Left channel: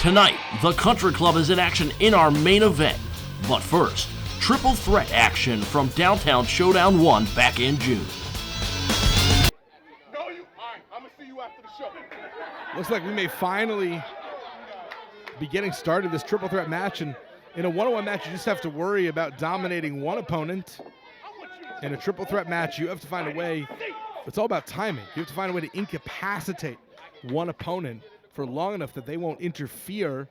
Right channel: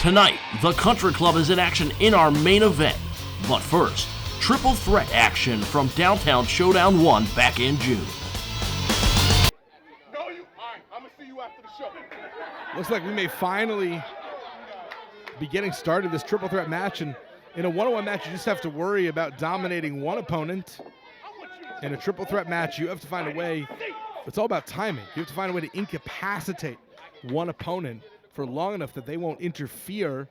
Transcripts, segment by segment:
Tonight, the Country Club is in action in our main event. But first, triple threat action from Downtown Showdown 1 back in June. I'm gonna see you after the show. Looks like we may finally be getting started this triple threat match, and in a one-on-one match you just have to worry about dominating one opponent. In a triple threat match you have to find a way, it's all about timing. You have to find a way to incapacitate one opponent for long enough that they won't interfere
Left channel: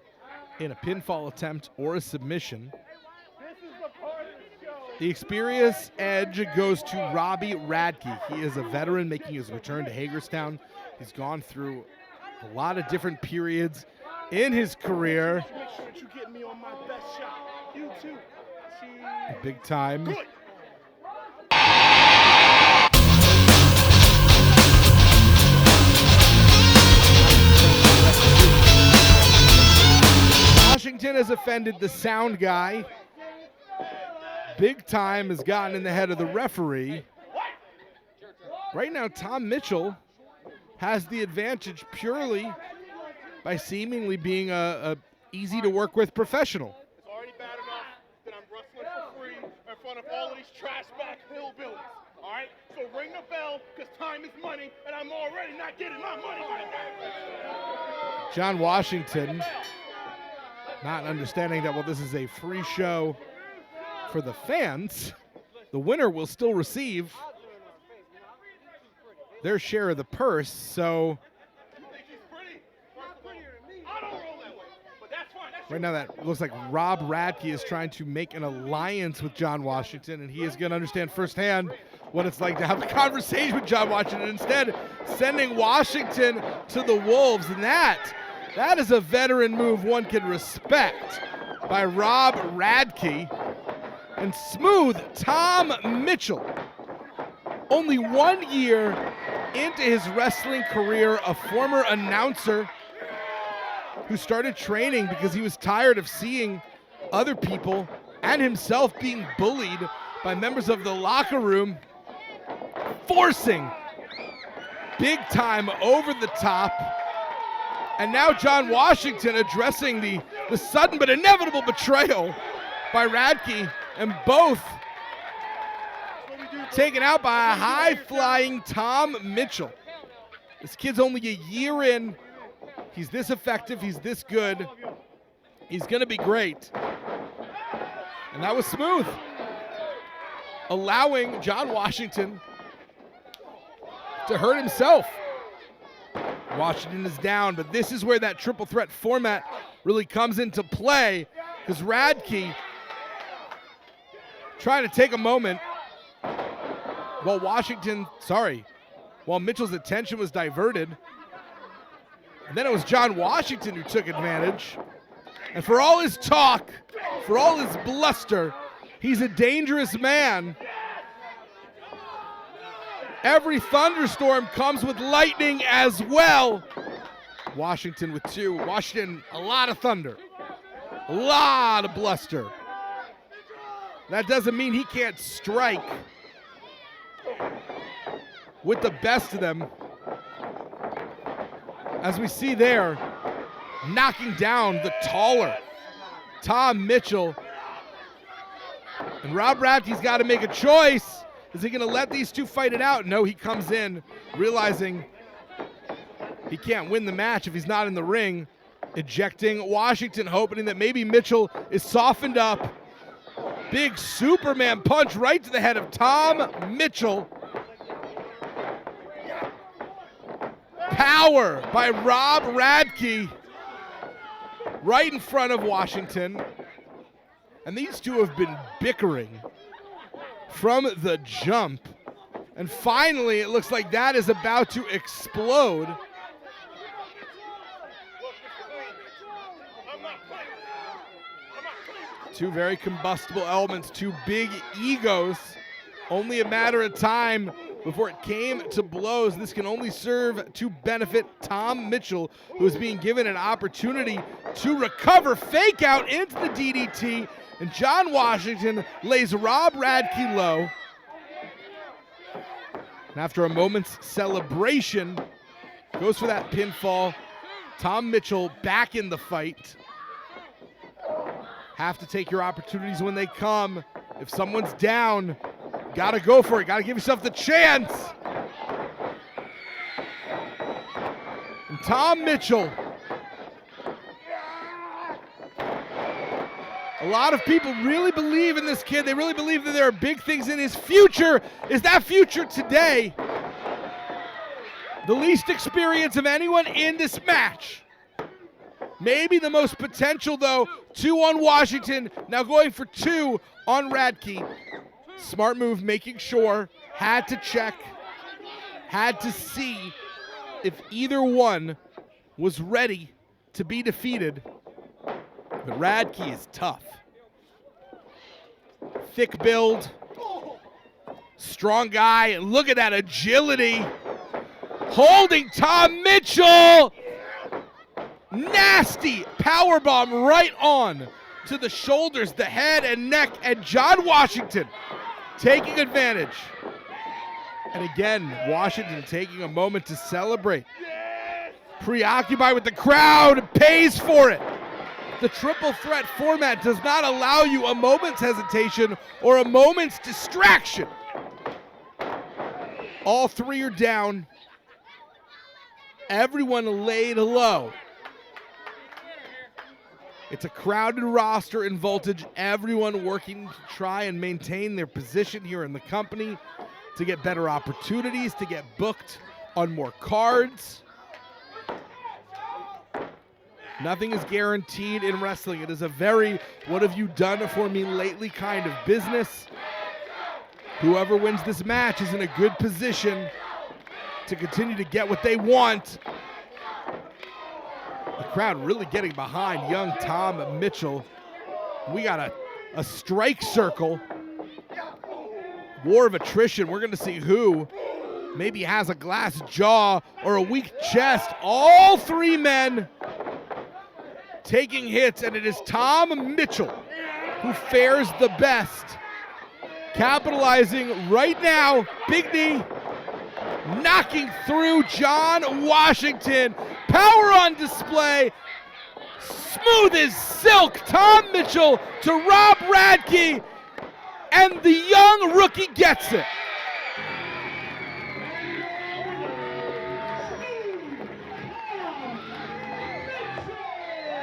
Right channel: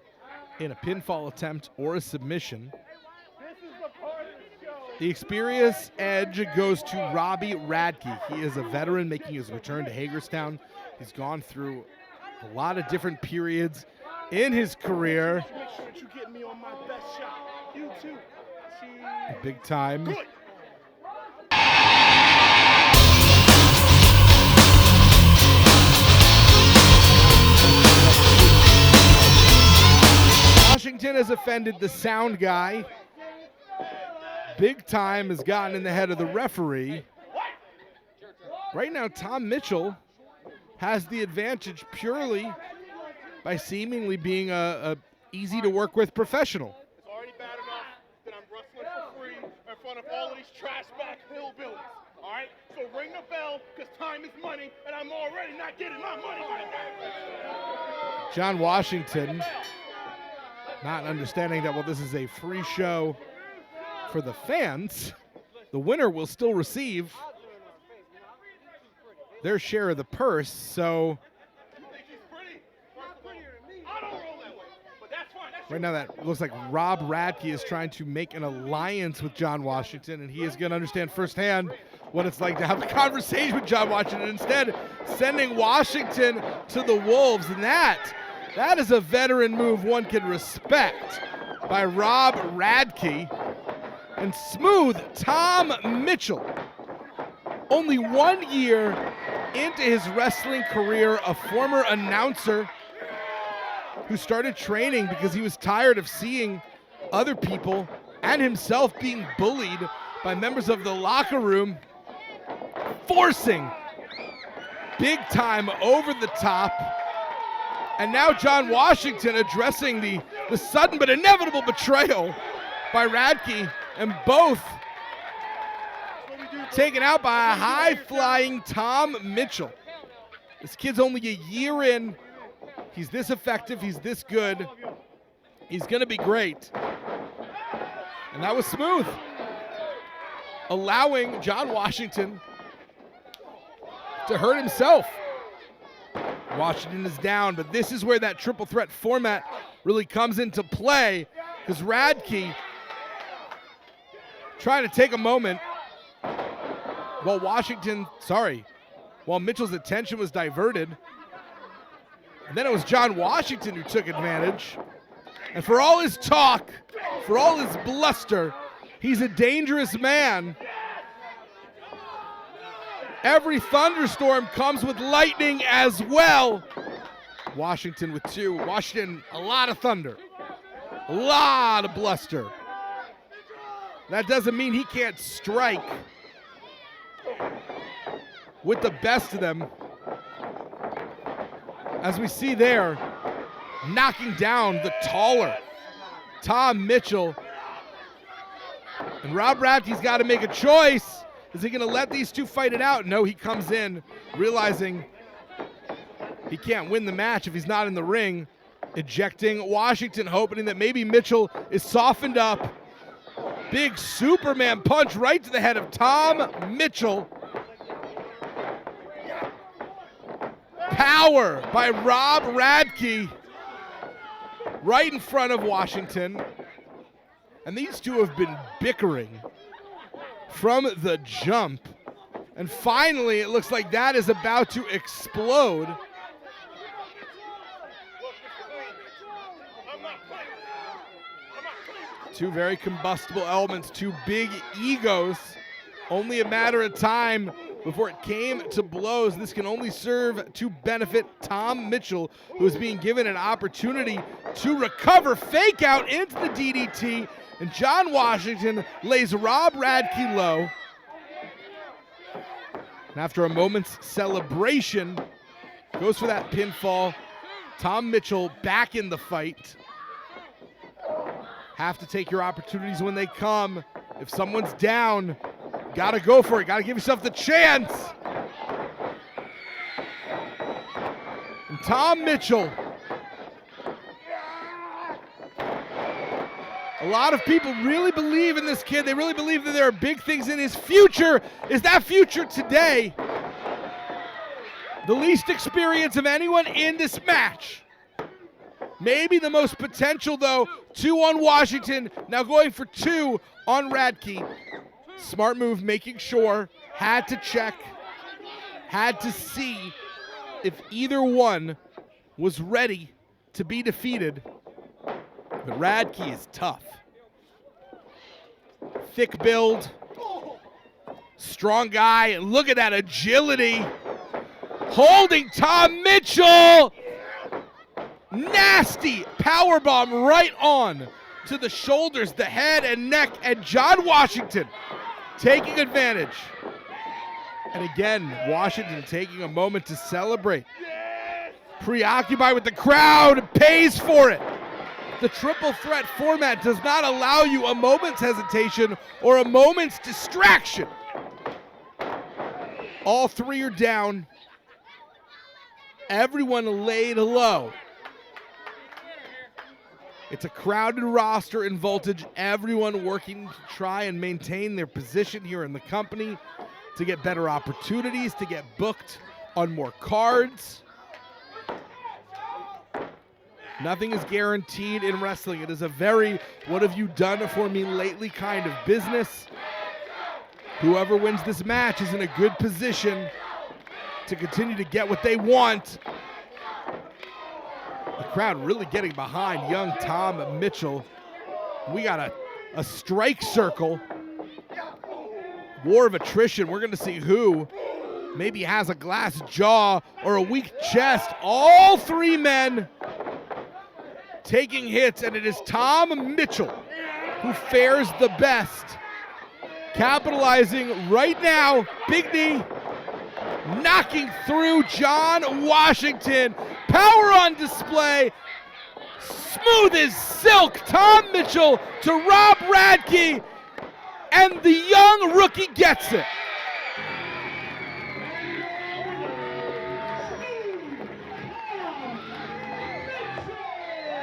in a pinfall attempt or a submission. The experience edge goes to Robbie Radke. He is a veteran making his return to Hagerstown. He's gone through a lot of different periods in his career. Make sure that you get me on my best shot. You too. Big time. Good. Washington has offended the sound guy. Big Time has gotten in the head of the referee. Right now, Tom Mitchell has the advantage purely by seemingly being a easy to work with professional. It's already bad enough that I'm wrestling for free in front of all of these trash back hillbillies. All right? So ring the bell, because time is money, and I'm already not getting my money right now. John Washington, not understanding that, well, this is a free show for the fans, the winner will still receive their share of the purse. So right now that looks like Rob Radke is trying to make an alliance with John Washington, and he is going to understand firsthand what it's like to have a conversation with John Washington, instead sending Washington to the Wolves. And that is a veteran move one can respect by Rob Radke. And smooth Tom Mitchell, only 1 year into his wrestling career, a former announcer who started training because he was tired of seeing other people and himself being bullied by members of the locker room, forcing Big Time over the top. And now John Washington addressing the sudden but inevitable betrayal by Radke, and both taken out by a high-flying Tom Mitchell. This kid's only a year in. He's this effective. He's this good. He's going to be great. And that was smooth, allowing John Washington to hurt himself. Washington is down, but this is where that triple threat format really comes into play, because Radke trying to take a moment while Mitchell's attention was diverted. And then it was John Washington who took advantage. And for all his talk, for all his bluster, he's a dangerous man. Every thunderstorm comes with lightning as well. Washington with two. Washington, a lot of thunder, a lot of bluster. That doesn't mean he can't strike with the best of them. As we see there, knocking down the taller Tom Mitchell. And Rob Radke's got to make a choice. Is he going to let these two fight it out? No, he comes in realizing he can't win the match if he's not in the ring, ejecting Washington, hoping that maybe Mitchell is softened up. Big Superman punch right to the head of Tom Mitchell. Power by Rob Radke right in front of Washington. And these two have been bickering from the jump. And finally, it looks like that is about to explode. Two very combustible elements, two big egos. Only a matter of time before it came to blows. This can only serve to benefit Tom Mitchell, who is being given an opportunity to recover. Fake out into the DDT, and John Washington lays Rob Radke low. And after a moment's celebration, goes for that pinfall Tom Mitchell back in the fight. Have to take your opportunities when they come. If someone's down, gotta go for it. Gotta give yourself the chance. And Tom Mitchell. A lot of people really believe in this kid. They really believe that there are big things in his future. Is that future today? The least experience of anyone in this match. Maybe the most potential, though. 2 on Washington. Now going for 2 on Radke. Smart move, making sure. Had to check. Had to see if either one was ready to be defeated. But Radke is tough. Thick build. Strong guy. And look at that agility. Holding Tom Mitchell. Nasty powerbomb right on to the shoulders, the head and neck, and John Washington taking advantage. And again, Washington taking a moment to celebrate. Preoccupied with the crowd, pays for it. The triple threat format does not allow you a moment's hesitation or a moment's distraction. All 3 are down. Everyone laid low. It's a crowded roster in Voltage. Everyone working to try and maintain their position here in the company, to get better opportunities, to get booked on more cards. Nothing is guaranteed in wrestling. It is a very what have you done for me lately kind of business. Whoever wins this match is in a good position to continue to get what they want. The crowd really getting behind young Tom Mitchell. We got a strike circle. War of attrition. We're going to see who maybe has a glass jaw or a weak chest. All 3 men taking hits, and it is Tom Mitchell who fares the best. Capitalizing right now. Big knee. Knocking through John Washington. Power on display. Smooth as silk. Tom Mitchell to Rob Radke. And the young rookie gets it.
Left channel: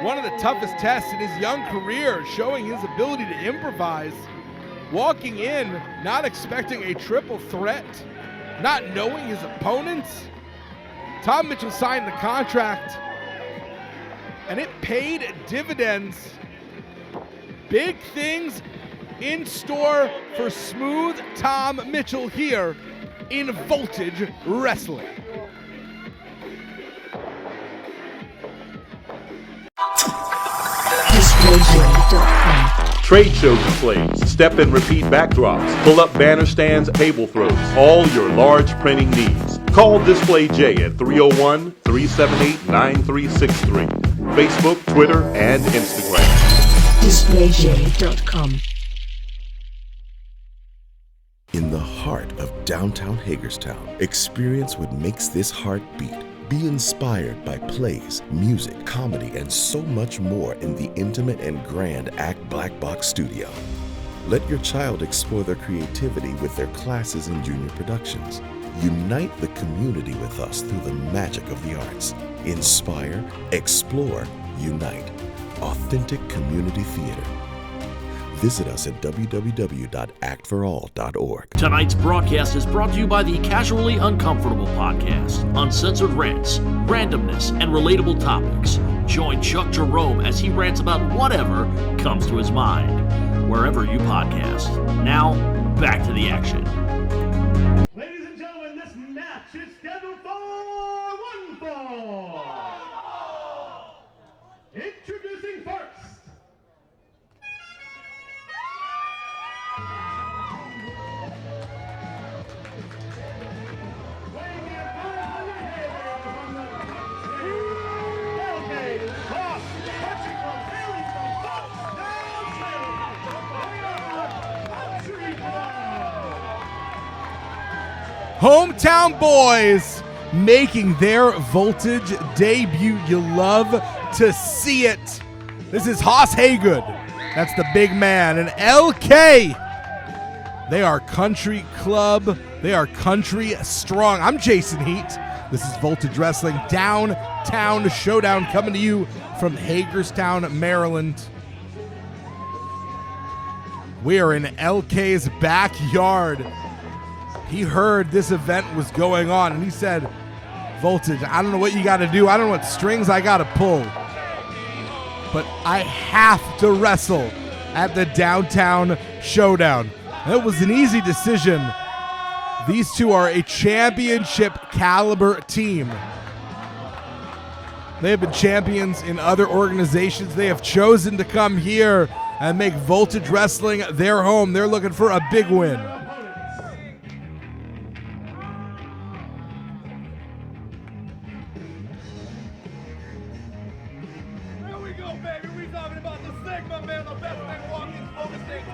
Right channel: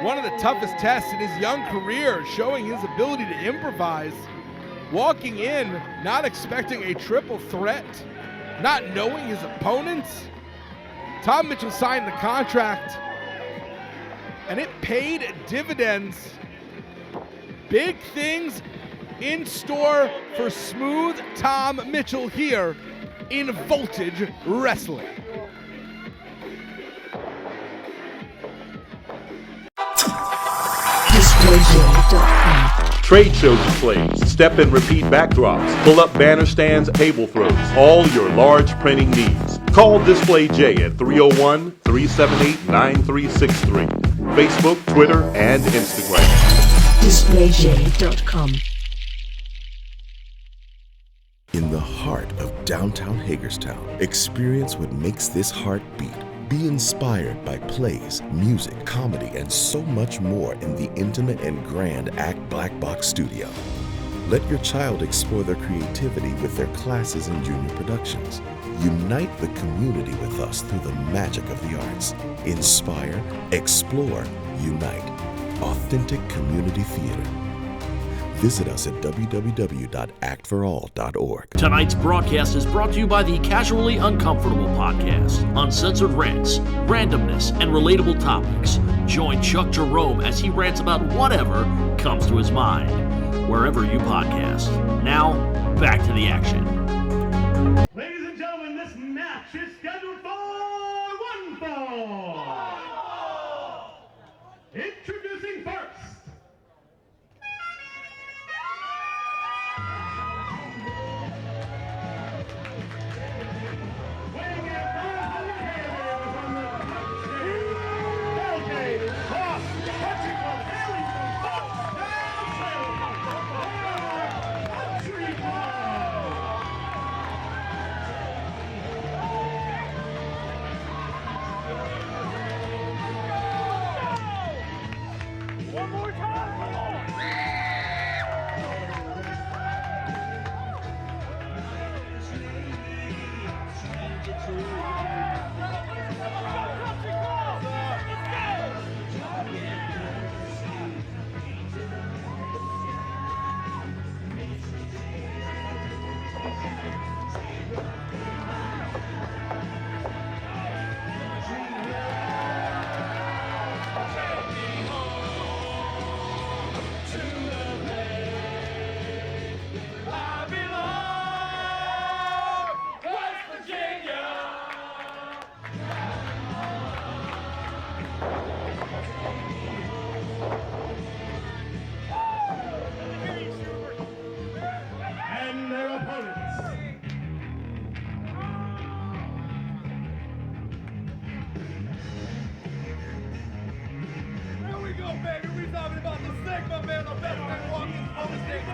One of the toughest tests in his young career, showing his ability to improvise. Walking in, not expecting a triple threat. Not knowing his opponents. Tom Mitchell signed the contract, and it paid dividends. Big things in store for smooth Tom Mitchell here in Voltage Wrestling. Trade show displays, step and repeat backdrops, pull-up banner stands, table throws, all your large printing needs. Call Display J at 301-378-9363. Facebook, Twitter, and Instagram. DisplayJ.com. In the heart of downtown Hagerstown, experience what makes this heart beat. Be inspired by plays, music, comedy, and so much more in the intimate and grand Act Black Box Studio. Let your child explore their creativity with their classes and junior productions. Unite the community with us through the magic of the arts. Inspire, explore, unite. Authentic community theater. Visit us at www.actforall.org. Tonight's broadcast is brought to you by the Casually Uncomfortable podcast. Uncensored rants, randomness, and relatable topics. Join Chuck Jerome as he rants about whatever comes to his mind, wherever you podcast. Now, back to the action. Ladies and gentlemen, this match is scheduled for one fall. Introducing first. Hometown boys making their Voltage debut. You love to see it. This is Haas Haygood. That's the big man. And LK, they are country club. They are country strong. I'm Jason Heat. This is Voltage Wrestling Downtown Showdown coming to you from Hagerstown, Maryland. We are in LK's backyard. He heard this event was going on, and he said, Voltage, I don't know what you got to do. I don't know what strings I got to pull. But I have to wrestle at the Downtown Showdown. That was an easy decision. These two are a championship caliber team. They have been champions in other organizations. They have chosen to come here and make Voltage Wrestling their home. They're looking for a big win. Here we go, baby. We talking about the Sigma, man. The best thing walking for the stage.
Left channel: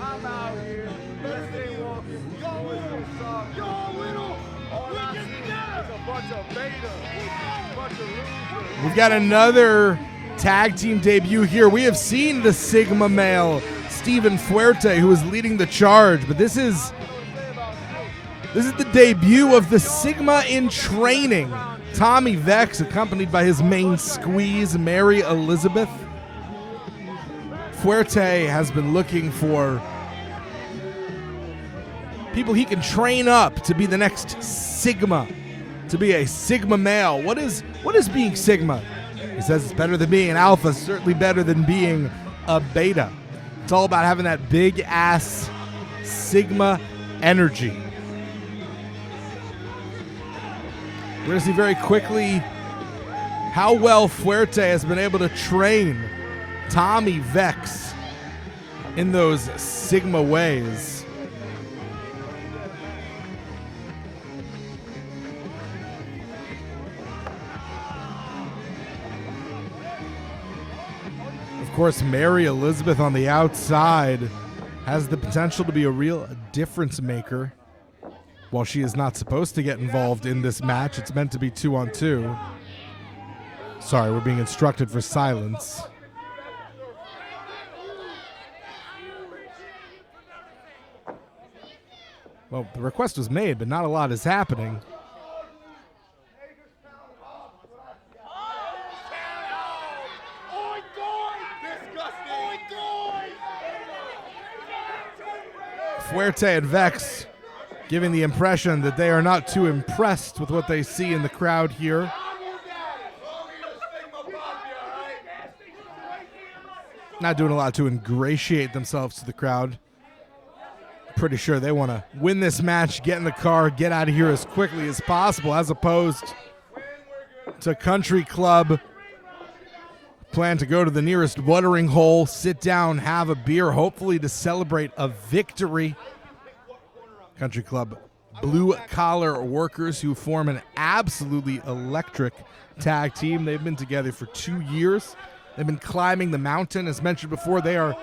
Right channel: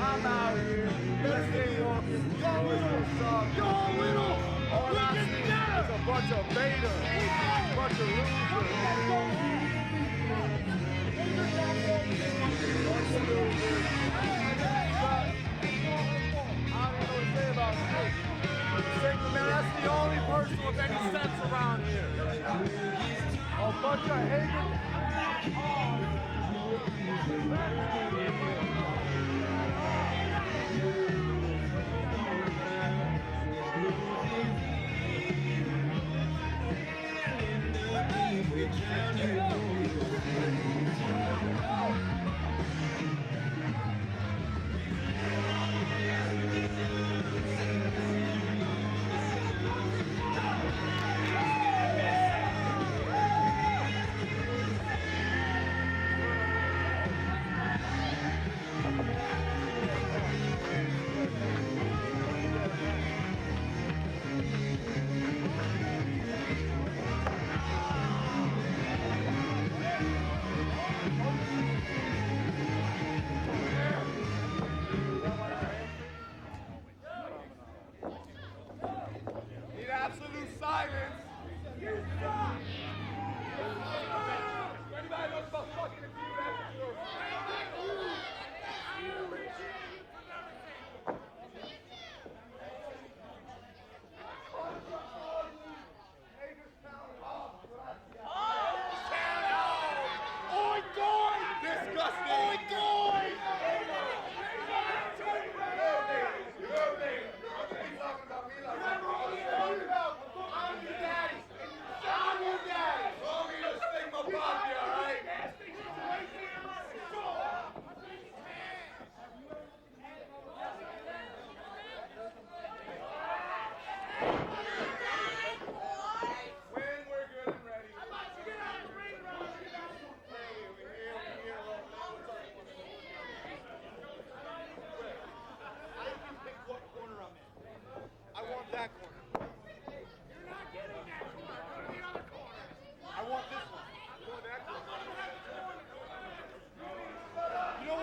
I'm out here. Best thing walking. Y'all little. Y'all little. All I see is a bunch of beta. A bunch of losers. We've got another tag team debut here. We have seen the Sigma male, Steven Fuerte, who is leading the charge, but this is the debut of the Sigma in training. Tommy Vex, accompanied by his main squeeze, Mary Elizabeth. Fuerte has been looking for people he can train up to be the next Sigma, to be a Sigma male. What is being Sigma? He says it's better than being an alpha, certainly better than being a beta. It's all about having that big ass Sigma energy. We're going to see very quickly how well Fuerte has been able to train Tommy Vex in those Sigma ways. Of course, Mary Elizabeth on the outside has the potential to be a real difference maker. While she is not supposed to get involved in this match, it's meant to be 2-on-2. Sorry, we're being instructed for silence. Well, the request was made, but not a lot is happening. Fuerte and Vex giving the impression that they are not too impressed with what they see in the crowd here. Not doing a lot to ingratiate themselves to the crowd. Pretty sure they want to win this match, get in the car, get out of here as quickly as possible, as opposed to Country Club. Plan to go to the nearest watering hole, sit down, have a beer, hopefully to celebrate a victory. Country Club, blue-collar workers who form an absolutely electric tag team. They've been together for 2 years. They've been climbing the mountain. As mentioned before, they are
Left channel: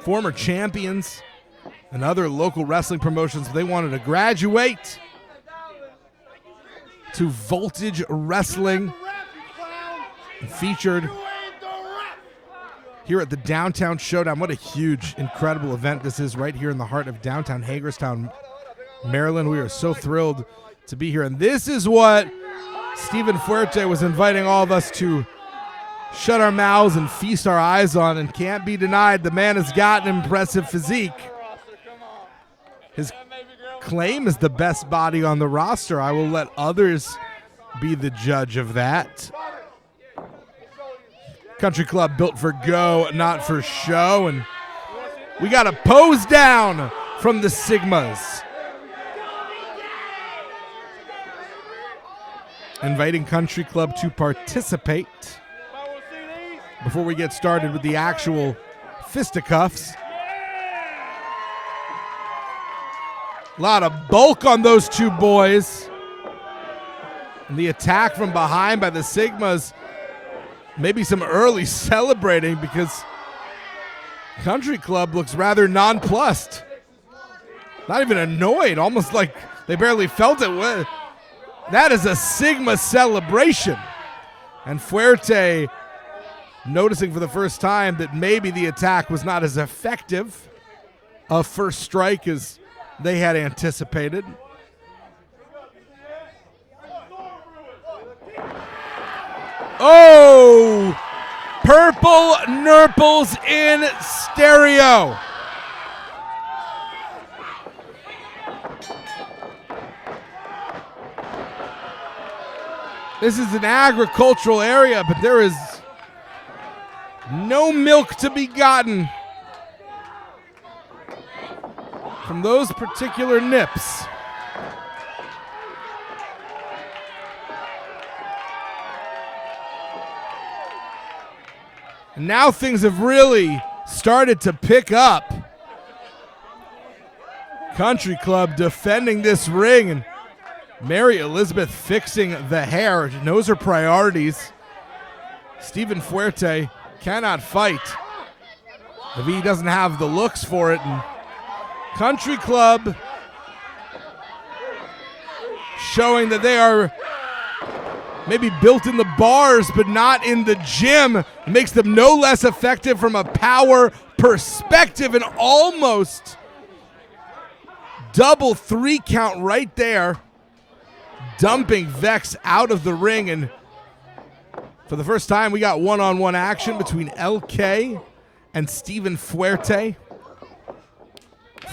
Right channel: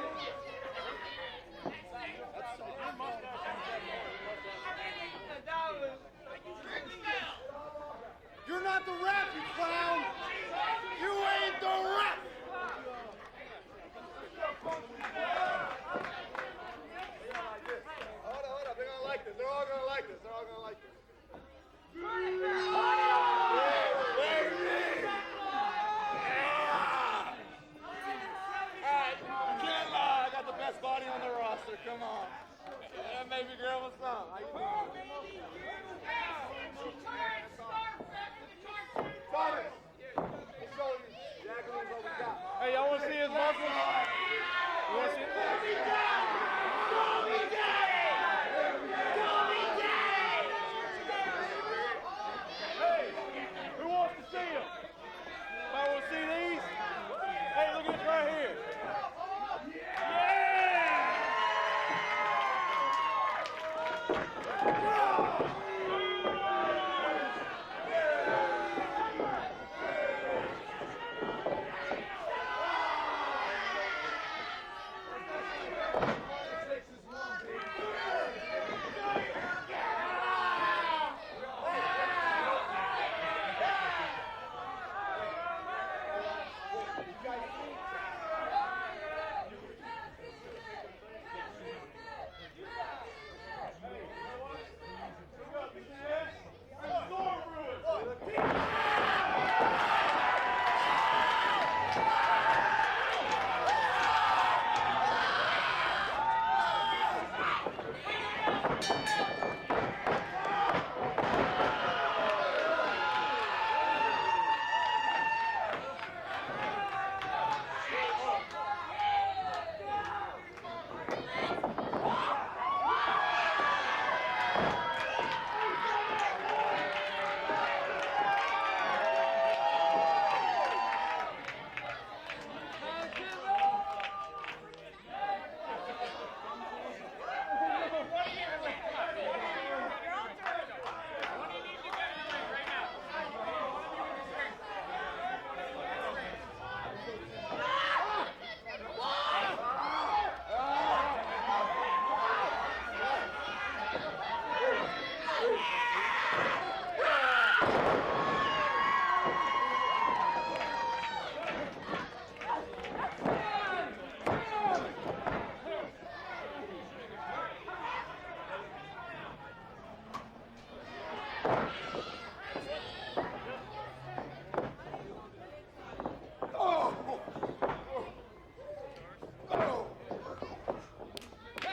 former champions in other local wrestling promotions. They wanted to graduate to Voltage Wrestling, featured here at the Downtown Showdown. What a huge, incredible event this is right here in the heart of downtown Hagerstown, Maryland. We are so thrilled to be here. And this is what Steven Fuerte was inviting all of us to shut our mouths and feast our eyes on, and can't be denied. The man has got an impressive physique. His claim is the best body on the roster. I will let others be the judge of that. Country Club built for go, not for show. And we got a pose down from the Sigmas. Inviting Country Club to participate. Before we get started with the actual fisticuffs. A lot of bulk on those two boys. And the attack from behind by the Sigmas. Maybe some early celebrating, because Country Club looks rather nonplussed. Not even annoyed, almost like they barely felt it. That is a Sigma celebration. And Fuerte noticing for the first time that maybe the attack was not as effective a first strike as they had anticipated. Oh! Purple Nurples in stereo. This is an agricultural area, but there is no milk to be gotten from those particular nips. Now things have really started to pick up. Country Club defending this ring, and Mary Elizabeth fixing the hair. She knows her priorities. Stephen Fuerte cannot fight if he doesn't have the looks for it. And Country Club showing that they are maybe built in the bars but not in the gym. Makes them no less effective from a power perspective, and almost double 3 count right there, dumping Vex out of the ring. And for the first time, we got one-on-one action between LK and Stephen Fuerte.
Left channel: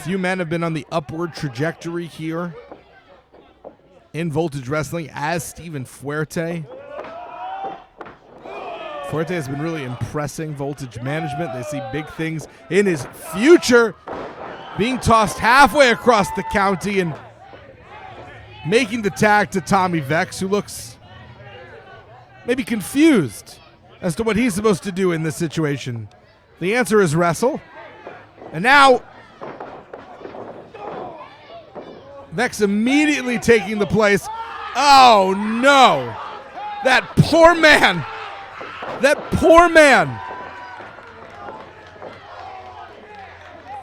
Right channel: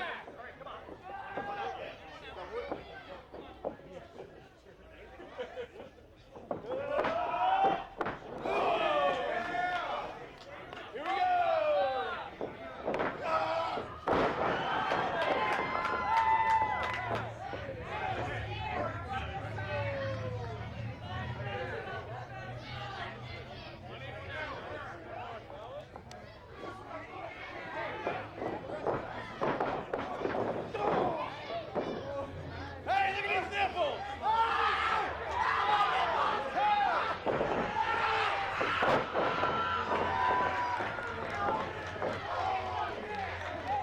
Few men have been on the upward trajectory here in Voltage Wrestling as Stephen Fuerte. Fuerte has been really impressing Voltage management. They see big things in his future, being tossed halfway across the county and making the tag to Tommy Vex, who looks maybe confused as to what he's supposed to do in this situation. The answer is wrestle. And now Vex immediately taking the place. Oh no! That poor man! That poor man!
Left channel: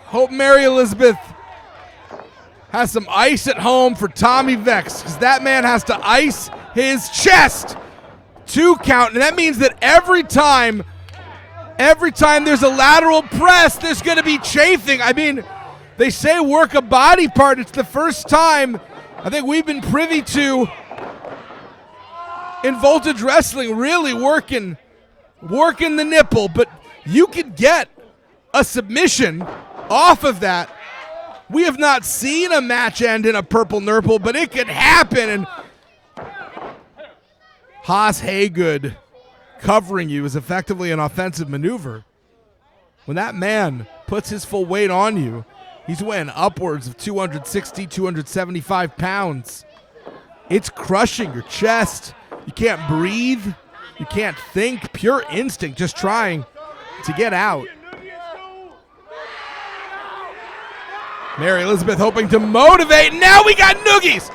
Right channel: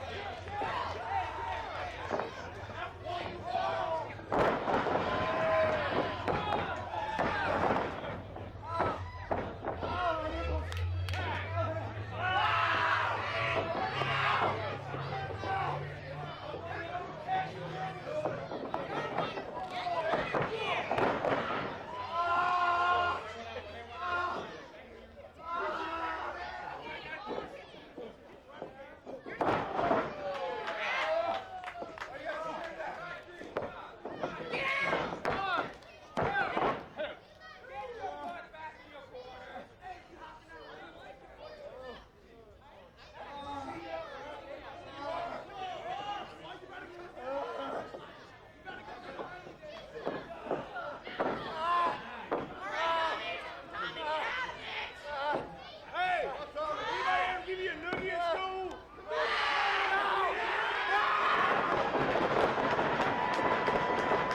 Hope Mary Elizabeth has some ice at home for Tommy Vex, because that man has to ice his chest. 2 count, and that means that every time there's a lateral press, there's going to be chafing. I mean, they say work a body part. It's the first time I think we've been privy to in Voltage Wrestling really working the nipple, but you could get a submission off of that. We have not seen a match end in a purple nurple, but it could happen. And Haas Haygood covering you is effectively an offensive maneuver. When that man puts his full weight on you, he's weighing upwards of 260, 275 pounds. It's crushing your chest. You can't breathe. You can't think. Pure instinct, just trying to get out. Mary Elizabeth hoping to motivate. Now we got noogies.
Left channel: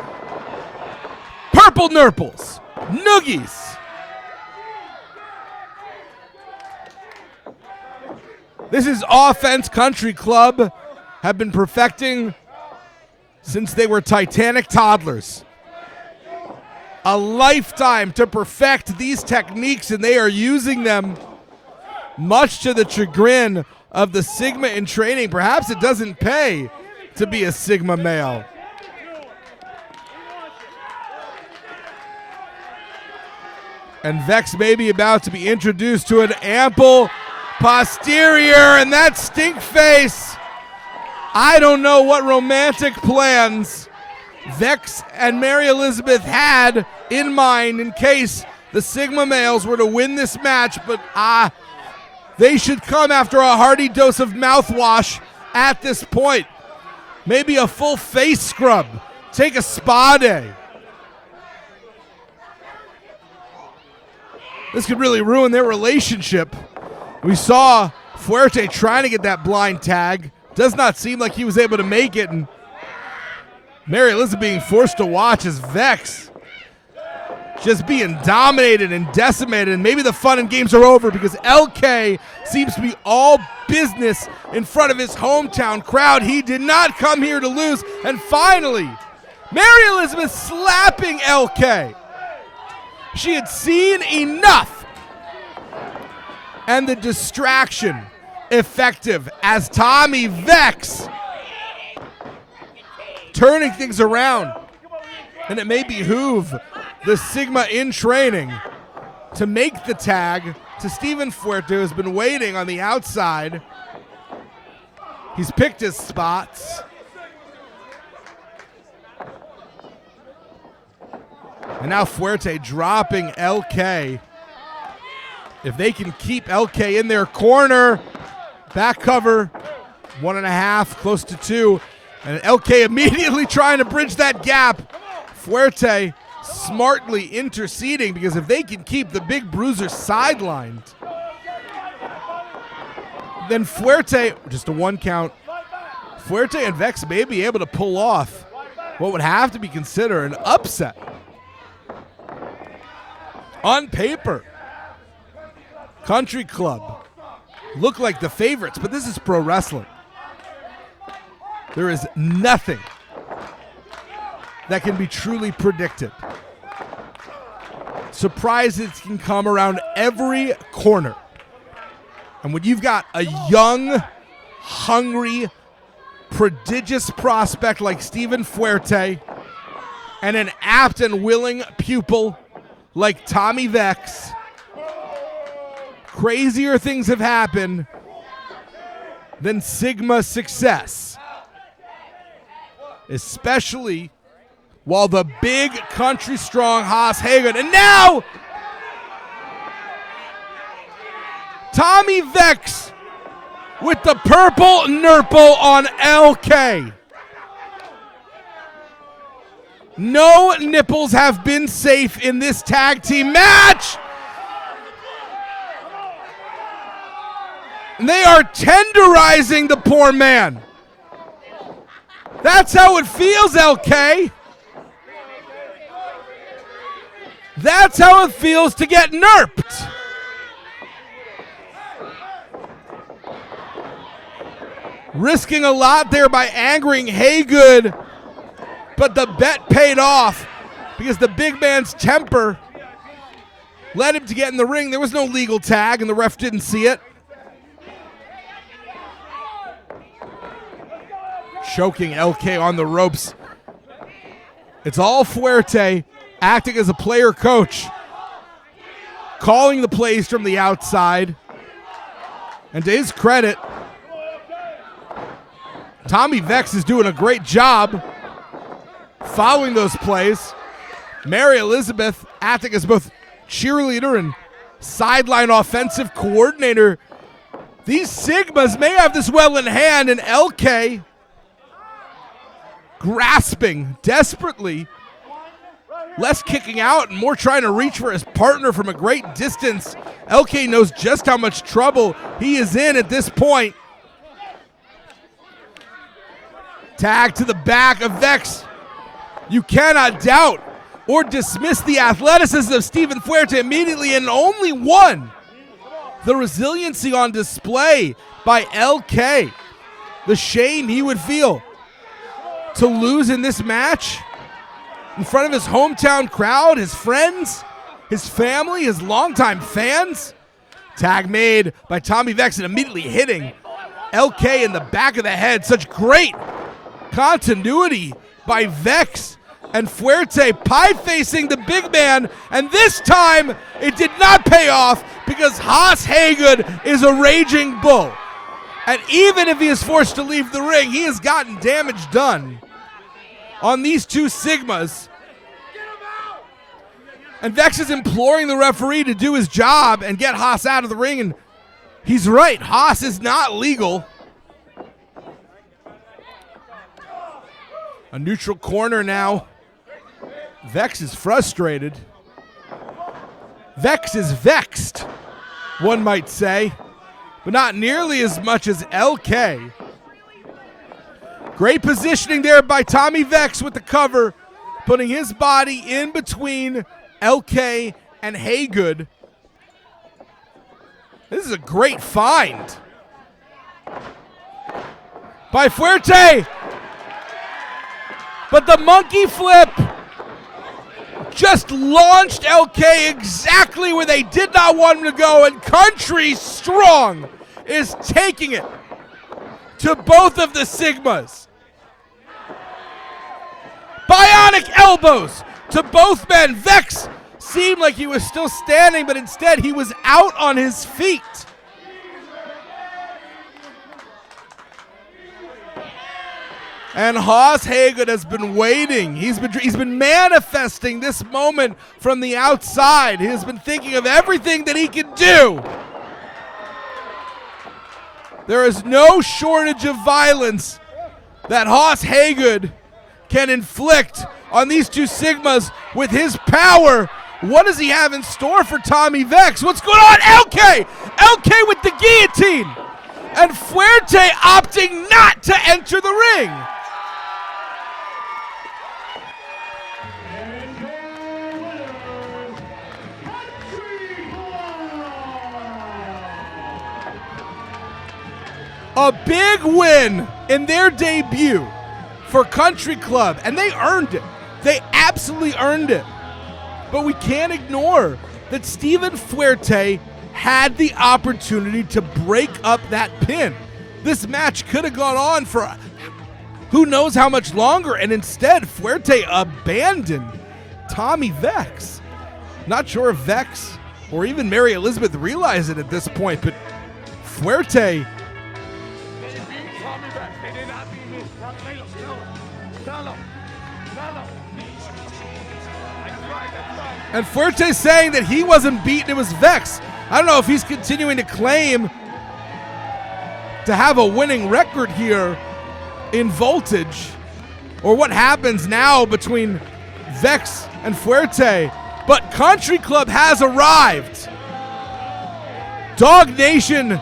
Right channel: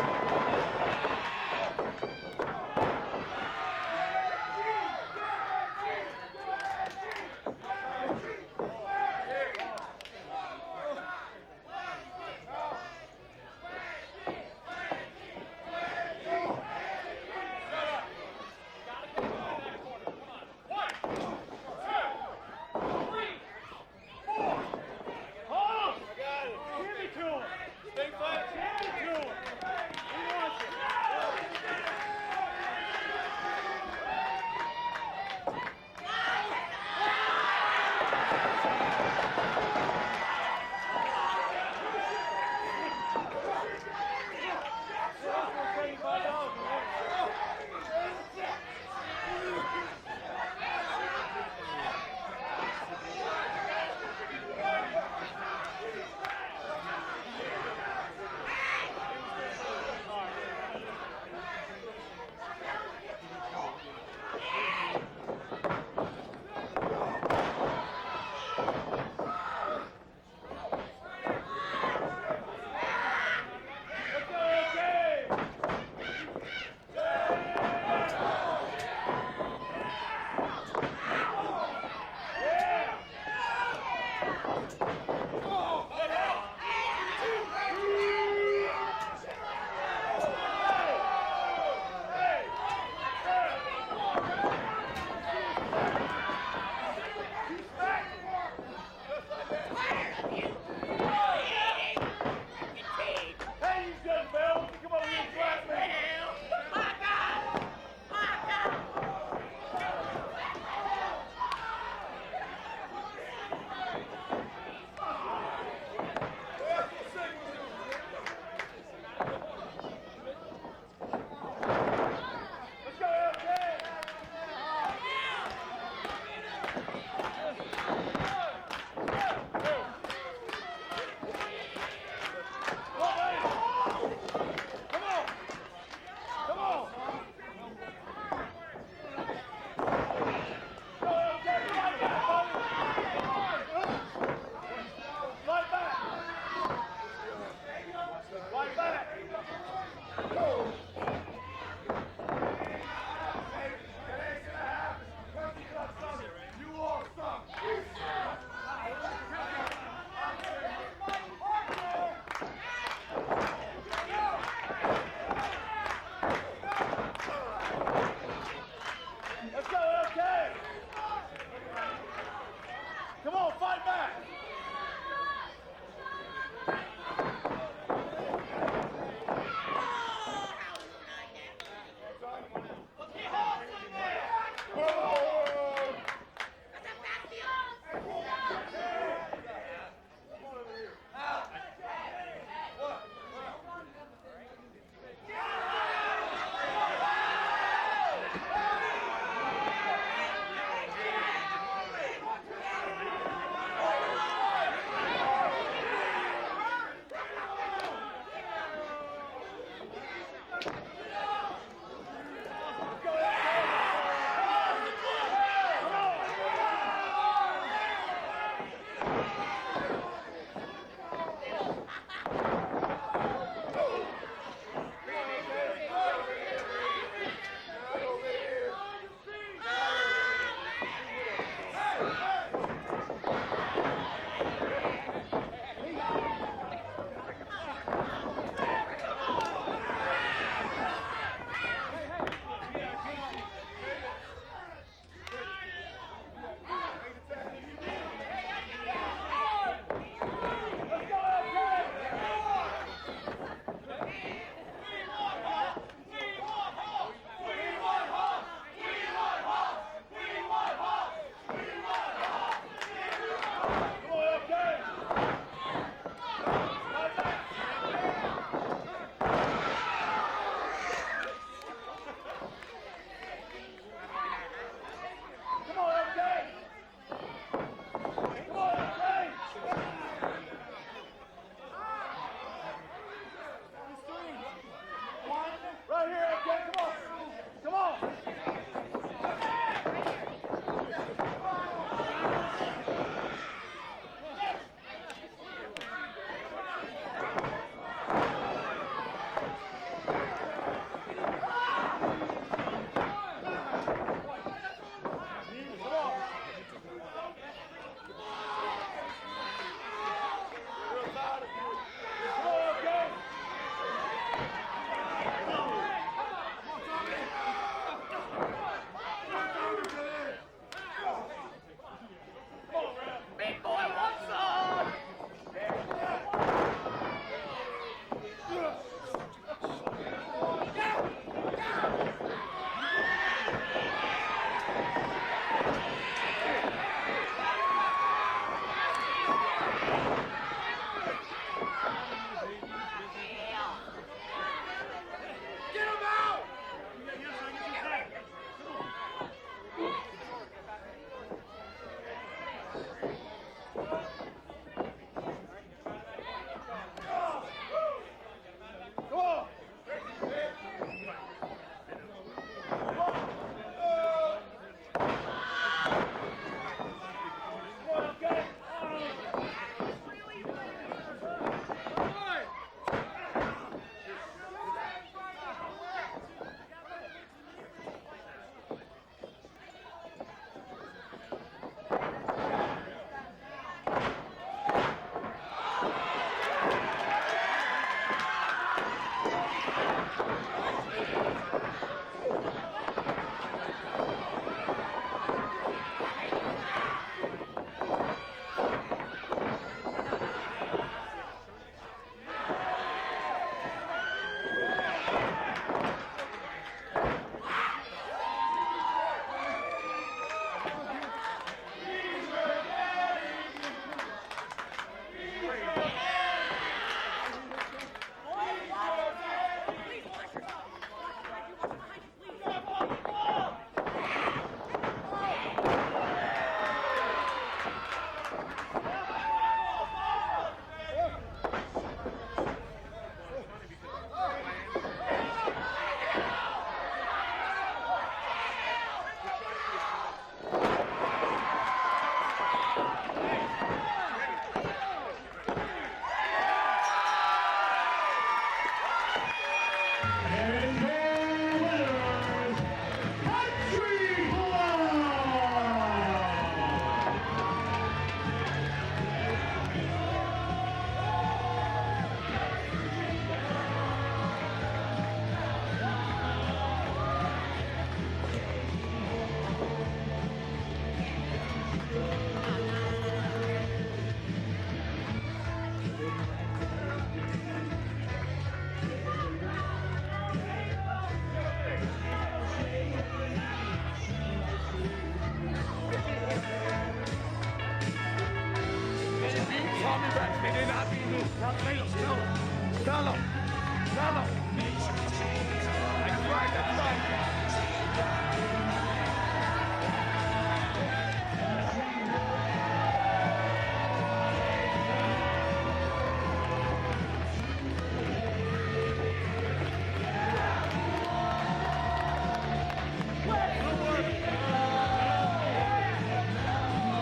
Purple nurples. Noogies. This is offense Country Club have been perfecting since they were Titanic toddlers. A lifetime to perfect these techniques, and they are using them much to the chagrin of the Sigma in training. Perhaps it doesn't pay to be a Sigma male. And Vex may be about to be introduced to an ample posterior, and that stink face. I don't know what romantic plans Vex and Mary Elizabeth had in mind in case the Sigma males were to win this match, but they should come after a hearty dose of mouthwash at this point. Maybe a full face scrub. Take a spa day. This could really ruin their relationship. We saw Fuerte trying to get that blind tag. Does not seem like he was able to make it, and Mary Elizabeth being forced to watch as Vex just being dominated and decimated, and maybe the fun and games are over because LK seems to be all business in front of his hometown crowd. He did not come here to lose, and finally, Mary Elizabeth slapping LK. She had seen enough, and the distraction effective as Tommy Vex turning things around. And it may behoove the Sigma in training to make the tag to Steven Fuerte, who's been waiting on the outside. He's picked his spots. And now Fuerte dropping LK. If they can keep LK in their corner, back cover, 1.5, close to 2. And LK immediately trying to bridge that gap. Fuerte smartly interceding, because if they can keep the big bruiser sidelined, then Fuerte, just a 1 count, Fuerte and Vex may be able to pull off what would have to be considered an upset. On paper, Country Club look like the favorites, but this is pro wrestling. There is nothing that can be truly predicted. Surprises can come around every corner. And when you've got a young, hungry, prodigious prospect like Steven Fuerte and an apt and willing pupil like Tommy Vex, crazier things have happened than Sigma success. Especially while the big country strong Haas Hagen, and now Tommy Vex with the purple nurple on LK. No nipples have been safe in this tag team match. They are tenderizing the poor man. That's how it feels, LK. That's how it feels to get nerped. Risking a lot there by angering Haygood, but the bet paid off because the big man's temper led him to get in the ring. There was no legal tag, and the ref didn't see it. Choking LK on the ropes. It's all Fuerte acting as a player coach, calling the plays from the outside. And to his credit, Tommy Vex is doing a great job following those plays. Mary Elizabeth acting as both cheerleader and sideline offensive coordinator. These Sigmas may have this well in hand, and LK grasping desperately, less kicking out and more trying to reach for his partner from a great distance. LK knows just how much trouble he is in at this point. Tag to the back of Vex. You cannot doubt or dismiss the athleticism of Steven Fuerte immediately, and only one. The resiliency on display by LK. The shame he would feel to lose in this match in front of his hometown crowd, his friends, his family, his longtime fans. Tag made by Tommy Vex and immediately hitting LK in the back of the head. Such great continuity by Vex, and Fuerte pie-facing the big man, and this time it did not pay off because Haas Hagood is a raging bull. And even if he is forced to leave the ring, he has gotten damage done on these two Sigmas. And Vex is imploring the referee to do his job and get Haas out of the ring, and he's right, Haas is not legal. A neutral corner now. Vex is frustrated. Vex is vexed, one might say, but not nearly as much as LK. Great positioning there by Tommy Vex with the cover, putting his body in between LK and Haygood. This is a great find by Fuerte. But the monkey flip just launched LK exactly where they did not want him to go, and Country Strong is taking it to both of the Sigmas. Bionic elbows to both men. Vex seemed like he was still standing, but instead he was out on his feet. And Haas Haygood has been waiting. He's been manifesting this moment from the outside. He has been thinking of everything that he can do. There is no shortage of violence that Haas Haygood can inflict on these two Sigmas with his power. What does he have in store for Tommy Vex? What's going on? LK! LK with the guillotine! And Fuerte opting not to enter the ring. And your winners, Country Club. A big win in their debut for Country Club, and they earned it. They absolutely earned it. But we can't ignore that Steven Fuerte had the opportunity to break up that pin. This match could have gone on for who knows how much longer, and instead Fuerte abandoned Tommy Vex. Not sure if Vex or even Mary Elizabeth realize it at this point, but Fuerte. Tommy Vex, they did not beat me. Tell him. And Fuerte saying that he wasn't beaten, it was Vex. I don't know if he's continuing to claim to have a winning record here in Voltage, or what happens now between Vex and Fuerte. But Country Club has arrived. Dog Nation,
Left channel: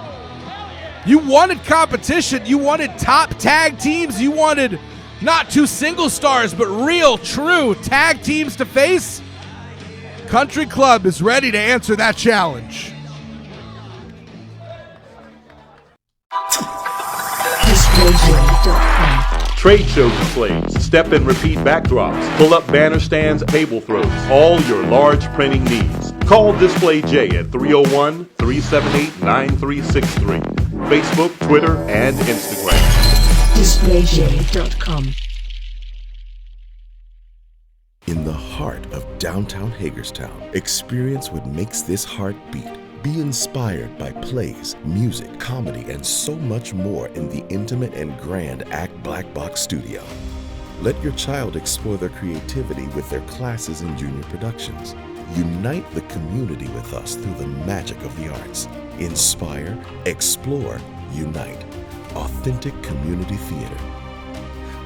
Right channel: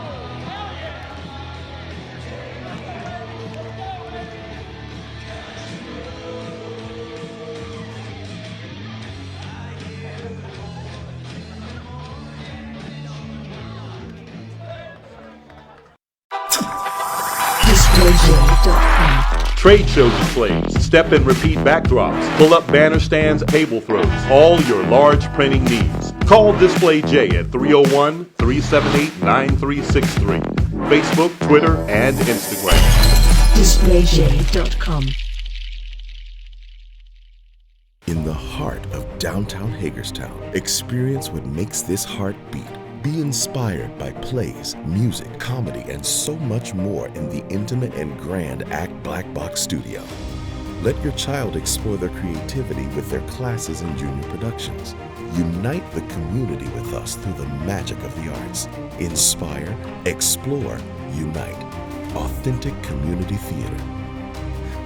you wanted competition. You wanted top tag teams. You wanted not two single stars, but real, true tag teams to face. Country Club is ready to answer that challenge. Trade show displays, step and repeat backdrops, pull-up banner stands, table throws, all your large printing needs. Call Display J at 301-378-9363. Facebook, Twitter, and Instagram. DisplayJ.com. In the heart of downtown Hagerstown, experience what makes this heart beat. Be inspired by plays, music, comedy, and so much more in the intimate and grand Act Black Box Studio. Let your child explore their creativity with their classes and junior productions. Unite the community with us through the magic of the arts. Inspire, explore, unite. Authentic community theater.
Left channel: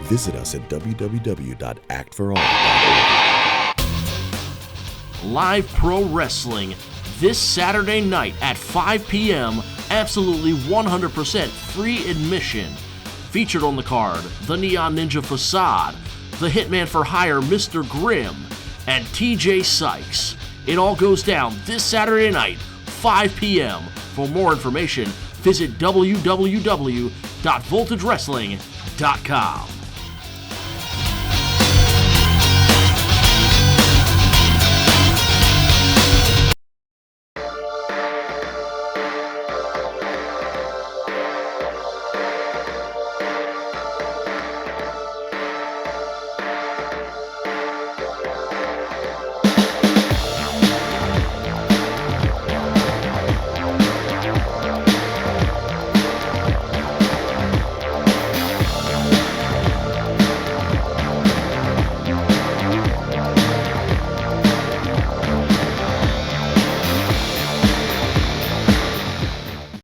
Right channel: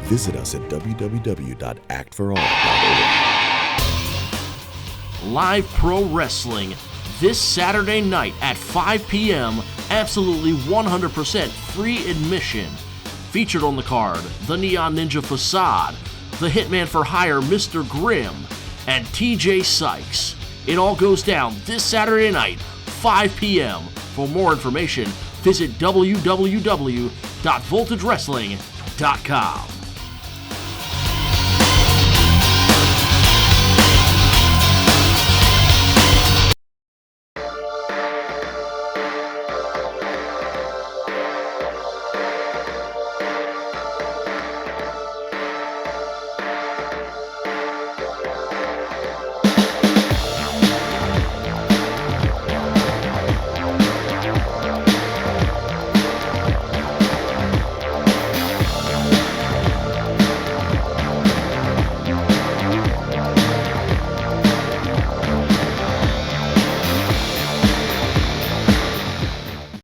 Visit us at www.actforall.org. Live pro wrestling this Saturday night at 5 p.m. Absolutely 100% free admission. Featured on the card, the Neon Ninja Facade, the Hitman for Hire Mr. Grimm, and TJ Sykes. It all goes down this Saturday night, 5 p.m. For more information, visit www.voltagewrestling.com.